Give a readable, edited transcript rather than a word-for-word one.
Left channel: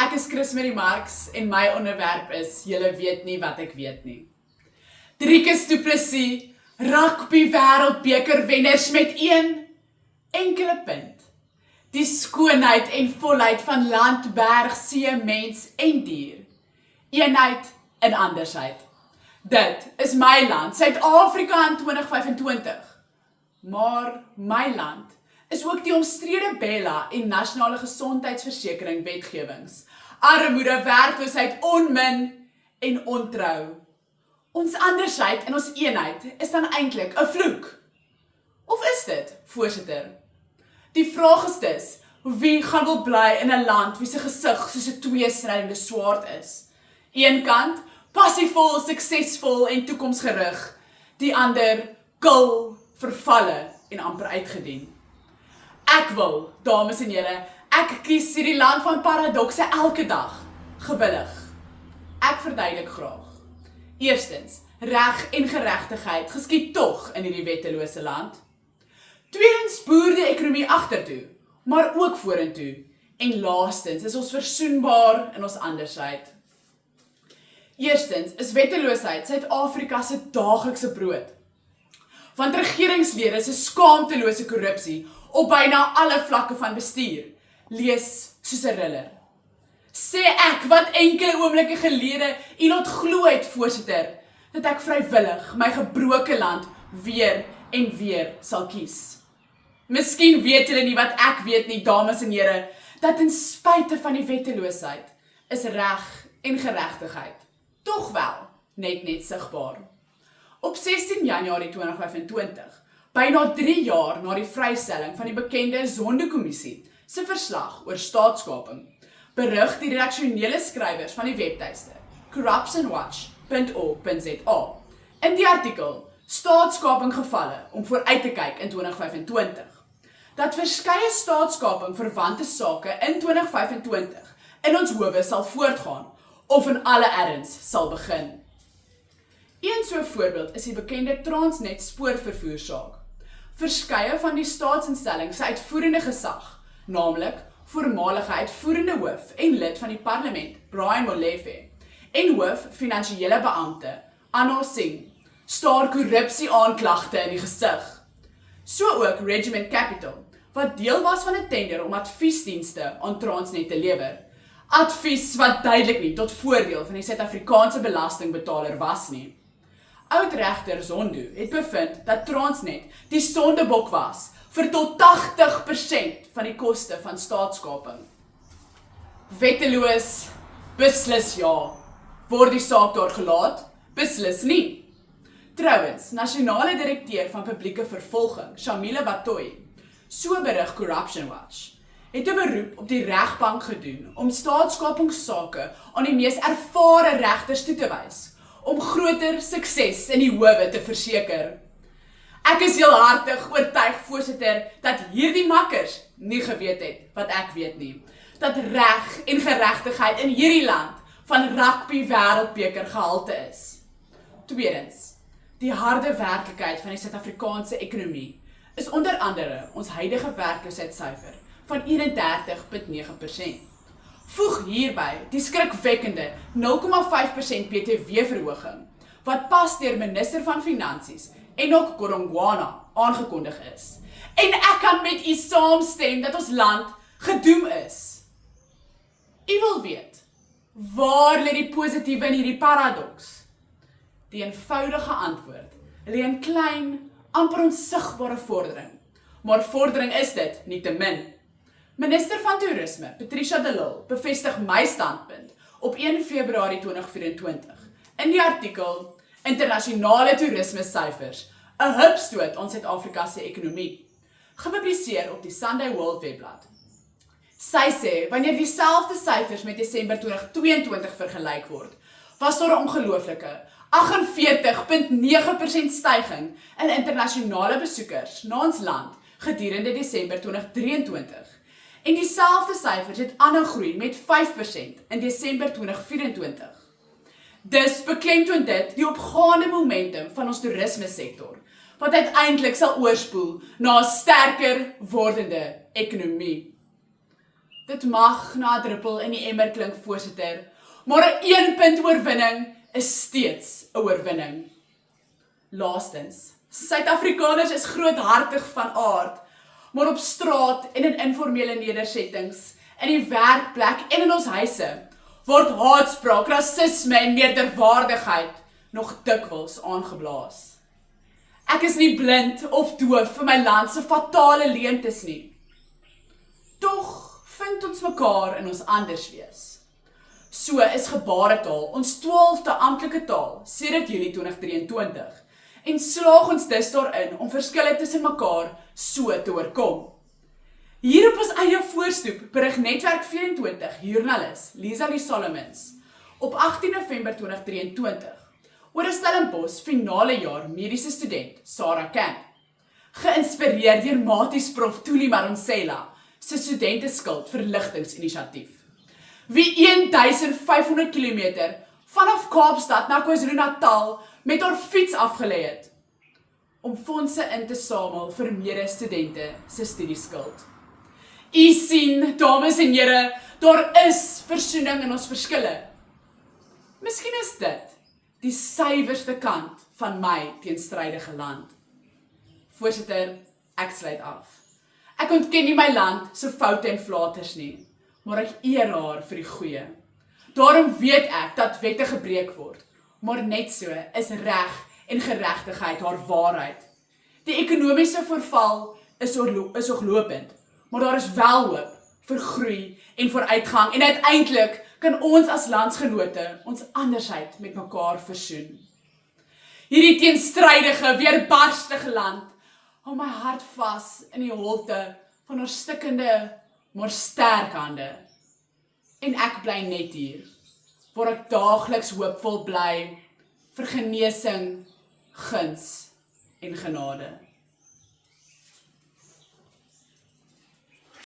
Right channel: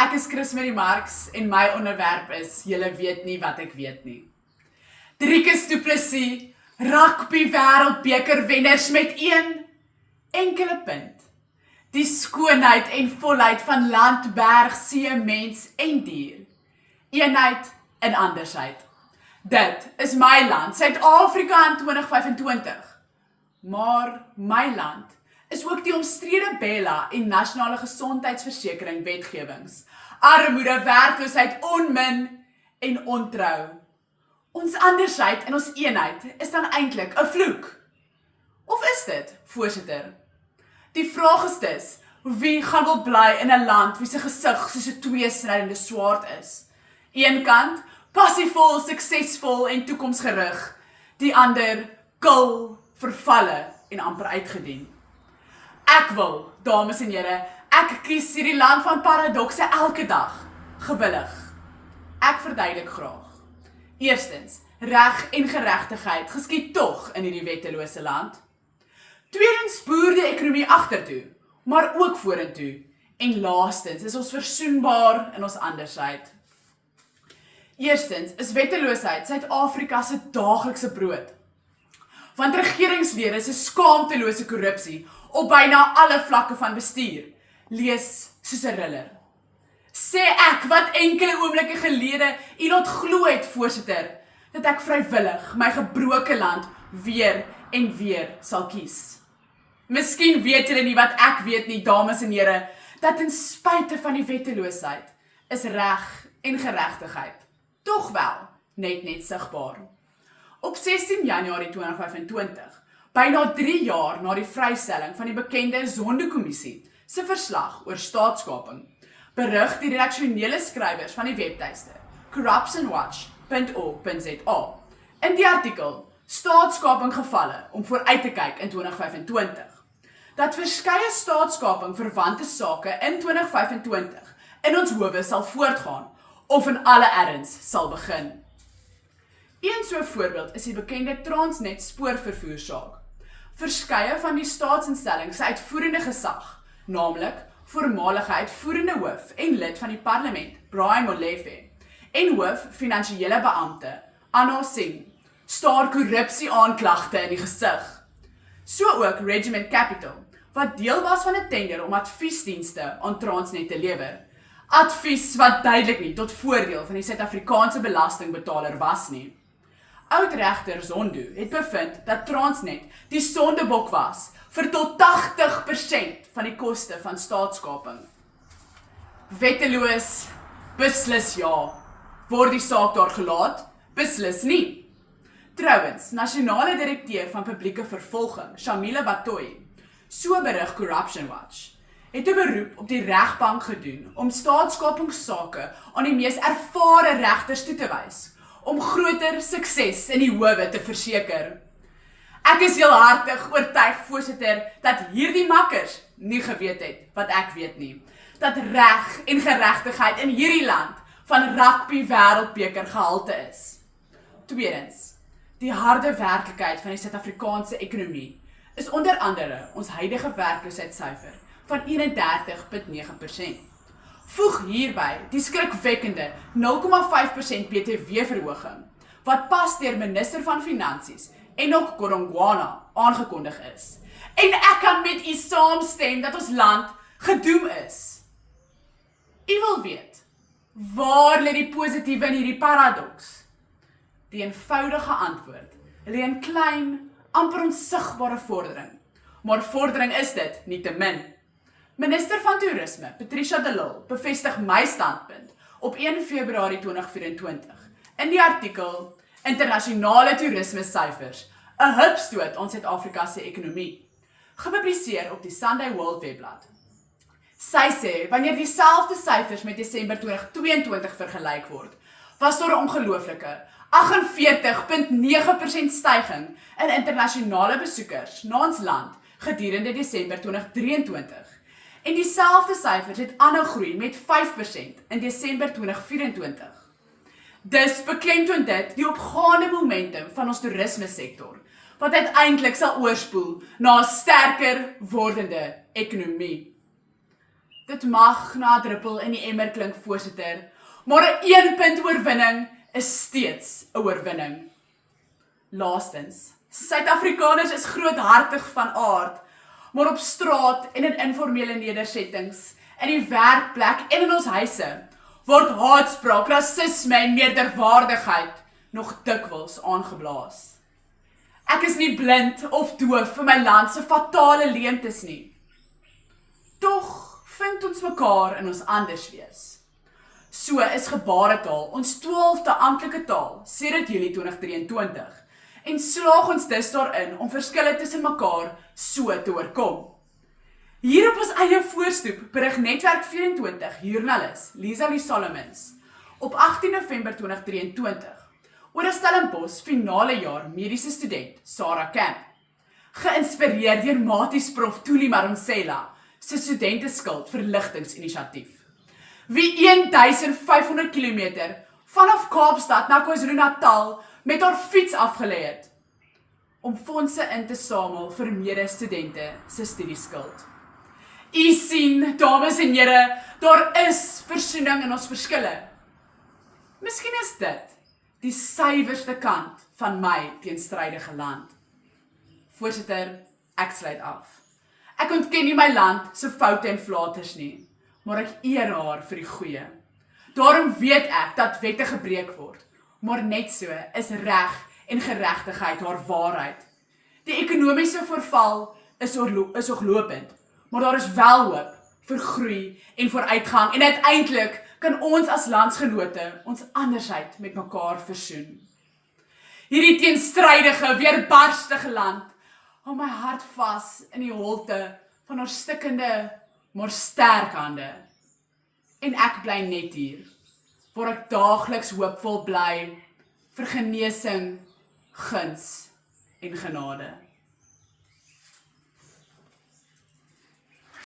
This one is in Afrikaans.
Ek is Chris Marie Marx en my onderwerp is Julle weet nie wat ek weet nie. Driekus Du Plessis, rugby wêreldbeker wenners met een enkele punt. Die skoonheid en volheid van land, berg, see, mens en dier. Eenheid in andersheid. Dit is my land, Suid-Afrika in 2025. Maar my land is ook die omstrede Bella en nasionale gesondheidsversekering wetgewings. Armoede, werkloosheid, onmin en ontrou. Ons andersheid en ons eenheid is dan eintlik 'n vloek. Of is dit, voorsitter? Die vraag is dus, wie gaan wil bly in 'n land wie se gesig soos 'n tweesnydende swaard is? Een kant, passievol, suksesvol en toekomsgerig. Die ander, kil, vervalle en amper uitgedien. Ek wil, dames en here, ek kies hierdie land van paradokse elke dag, gewillig. Ek verduidelik graag. Eerstens, reg en geregtigheid geskied tog in hierdie wettelose land. Tweedens, boer die ekonomie agtertoe, maar ook vorentoe. En laastens, is ons versoenbaar in ons andersheid. Eerstens, is wetteloosheid Suid-Afrika se daaglikse brood. Want regeringslede se skaamtelose korrupsie op byna alle vlakke van bestuur, lees soos 'n riller. Sê ek wat enkele oomblikke gelede u laat glo het, voorsitter, dat ek vrywillig my gebroke land weer en weer sal kies. Miskien weet julle nie wat ek weet nie, dames en here, dat ten spyte van die wetteloosheid is reg en geregtigheid tog wel net sigbaar. Op 16 Januarie 2025, byna 3 jaar na die vrystelling van die bekende Zondo-kommissie se verslag oor staatskaping, berig die redaksionele skrywers van die webtuiste corruptionwatch.org.za in die artikel Staatskaping gevalle om vooruit te kyk in 2025, dat verskeie staatskaping verwante sake in 2025 in ons howe sal voortgaan of in alle erns sal begin. Een so voorbeeld is die bekende Transnet spoorvervoersaak. Verskeie van die staatsinstellings se uitvoerende gesag, naamlik voormalige uitvoerende hoof en lid van die parlement, Brian Molefe, en hoof finansiële beampte, Anna Singh, staar korrupsie aanklagte in die gesig. So ook Regiment Capital, wat deel was van 'n tender om adviesdienste aan Transnet te lewer. Advies wat duidelik nie tot voordeel van die Suid-Afrikaanse belastingbetaler was nie. Oudregter Zondo het bevind dat Transnet die sondebok was vir tot 80% van die koste van staatskaping. Wetteloos, beslis ja. Word die saak daar gelaat? Beslis nie. Trouwens, nasionale direkteur van publieke vervolging, Shamila Batoy, so berig Corruption Watch, het 'n beroep op die regbank gedoen om staatskapingssake aan die mees ervare regters toe te wys, om groter sukses in die howe te verseker. Ek is heel hartig oortuig, voorsitter, dat hierdie makkers nie geweet het wat ek weet nie, dat reg en geregtigheid in hierdie land van rugby wêreldbeker gehalte is. Tweedens, die harde werklikheid van die Suid-Afrikaanse ekonomie is onder andere ons huidige werkloosheidssyfer van 31,9%. Voeg hierby die skrikwekkende 0,5% BTW-verhoging, wat pas deur minister van Finansies, Enoch Godongwana, aangekondig is. En ek kan met u saamstem dat ons land gedoem is. U wil weet, waar lê die positiewe in hierdie paradoks? Die eenvoudige antwoord lê in klein, amper onsigbare vordering. Maar vordering is dit, nietemin. Minister van Toerisme, Patricia de Lille, bevestig my standpunt op 1 Februarie 2024 in die artikel Internasionale Toerisme Syfers, 'n hupstoot aan Suid-Afrika se ekonomie, gepubliseer op die Sunday World webblad. Sy sê, wanneer dieselfde syfers met Desember 2022 vergelyk word, was daar 'n ongelooflike 48,9% styging in internasionale besoekers na ons land gedurende Desember 2023. En dieselfde syfers het aanhou groei met 5% in Desember 2024. Dus beklemtoon dit die opgaande momentum van ons toerisme sektor, wat uiteindelik sal oorspoel na 'n sterker wordende ekonomie. Dit mag na 'n druppel in die emmer klink, voorsitter, maar 'n 1-punt oorwinning is steeds 'n oorwinning. Laastens, Suid-Afrikaners is groothartig van aard, maar op straat en in informele nedersettings, in die werkplek en in ons huise, word haatspraak, rasisme en meerderwaardigheid nog dikwels aangeblaas. Ek is nie blind of doof vir my land se fatale leemtes nie. Tog vind ons mekaar in ons anders wees. So is gebaretaal ons 12de amptelike taal sedert Julie 2023 en slaag ons dus daarin om verskille tussen mekaar so te oorkom. Hier op ons eie voorstoep berig Netwerk 24 joernalis Lisa Solomons op 18 November 2023 oor 'n Stellenbosch finale jaar mediese student Sarah Camp, geïnspireer deur Maties Prof Thuli Madonsela se studenteskuld verligtingsinisiatief, wie 1500 km vanaf Kaapstad na KwaZulu-Natal met haar fiets afgelê het, om fondse in te samel vir medestudente se studieskuld. U sien, dames en here, daar is versoening in ons verskille. Miskien is dit die suiwerste kant van my teenstrydige land. Voorsitter, ek sluit af. Ek ontken nie my land se foute en flaters nie, maar ek eer haar vir die goeie. Daarom weet ek dat wette gebreek word, maar net so is reg en geregtigheid haar waarheid. Die ekonomiese verval is ooglopend, maar daar is wel hoop vir groei en vooruitgang en uiteindelik kan ons as landsgenote ons andersheid met mekaar versoen. Hierdie teenstrydige, weerbarstige land hou my hart vas in die holte van haar stikkende, maar sterk hande. En ek bly net hier, waar ek daagliks hoopvol bly vir genesing, guns en genade.